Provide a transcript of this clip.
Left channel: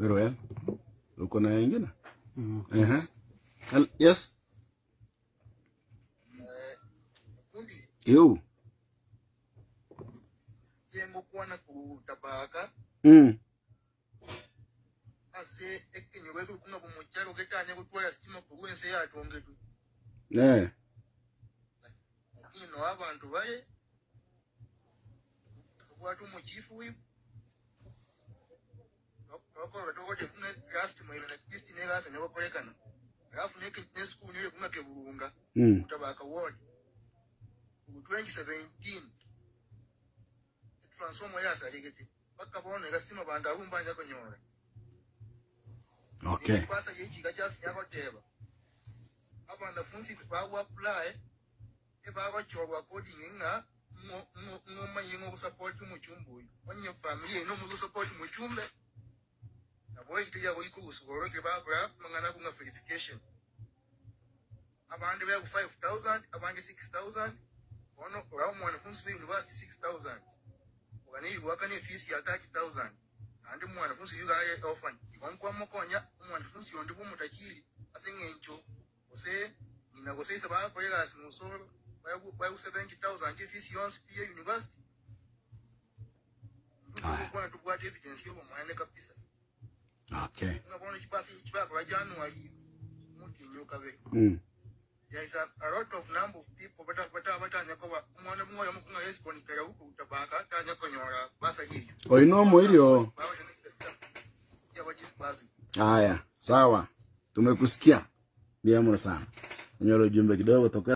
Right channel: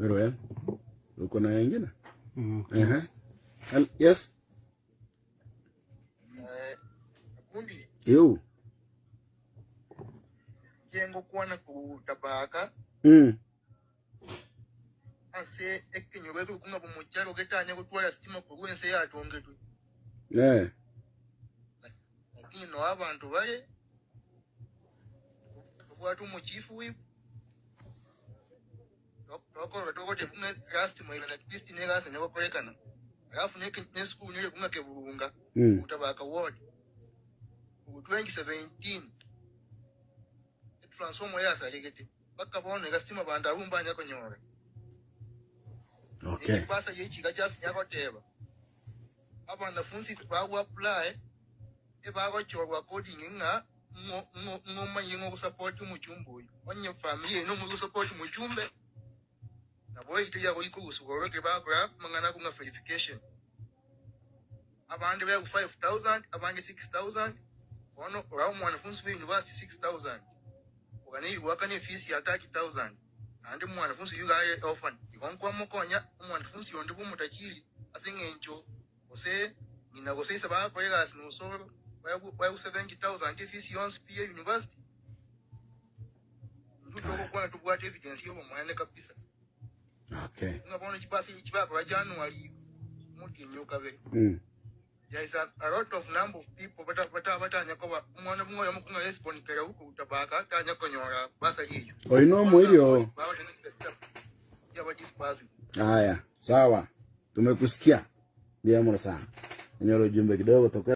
Very well. Uko na wengine? Yes. Yes. Kundi. Yo. Jengo kuona kutabaka. Ase ekinyo wetu kuma bumuchalo ketanya kutwala stima kugwense yatongetu. Yeah. Lakini no abantu bale watu muchifu wipo. Toko tekunga rasti mwaila la pisti nega sanya waparekana. Alafu ne school nile kunga keburunga. Kutabaka ward. 2017 transformer ya saligete baka bone gastima banda rumba nya konyora. Okay. Pasa yechi gaja nyako teba abanda funsi ba apply e ba go chorwa coding nga ngoma yengo support mu chumbu onye family no mu support mu chumbe na boy itiya ko ikusugoro ke ba mangana kunga verification abande ba 5000 abande 6000 ono raw mwanafunzi wa university 6000 ukani wakani fees ya 30000 andi mwanafunzi yuga orphan ikonkwa mokonya mwanafunzi yondi bumutachiri asengencho ose nina gose sababa ko yagas no soro wa 70000 fees yons pia university ndio kwa tukwa evidence yo mwana kabisa. Okay. Ngabona chibasi chibaba January muti nyoka be. There is a lot of number of people but nyakoba mwana mmoja mkunga respond kera huko utabaka tanya konyora basa hiyo. Oino moyo. Haya, sawa. Tumekusikia. Bien sana. Nyoro jumbe kidogo toka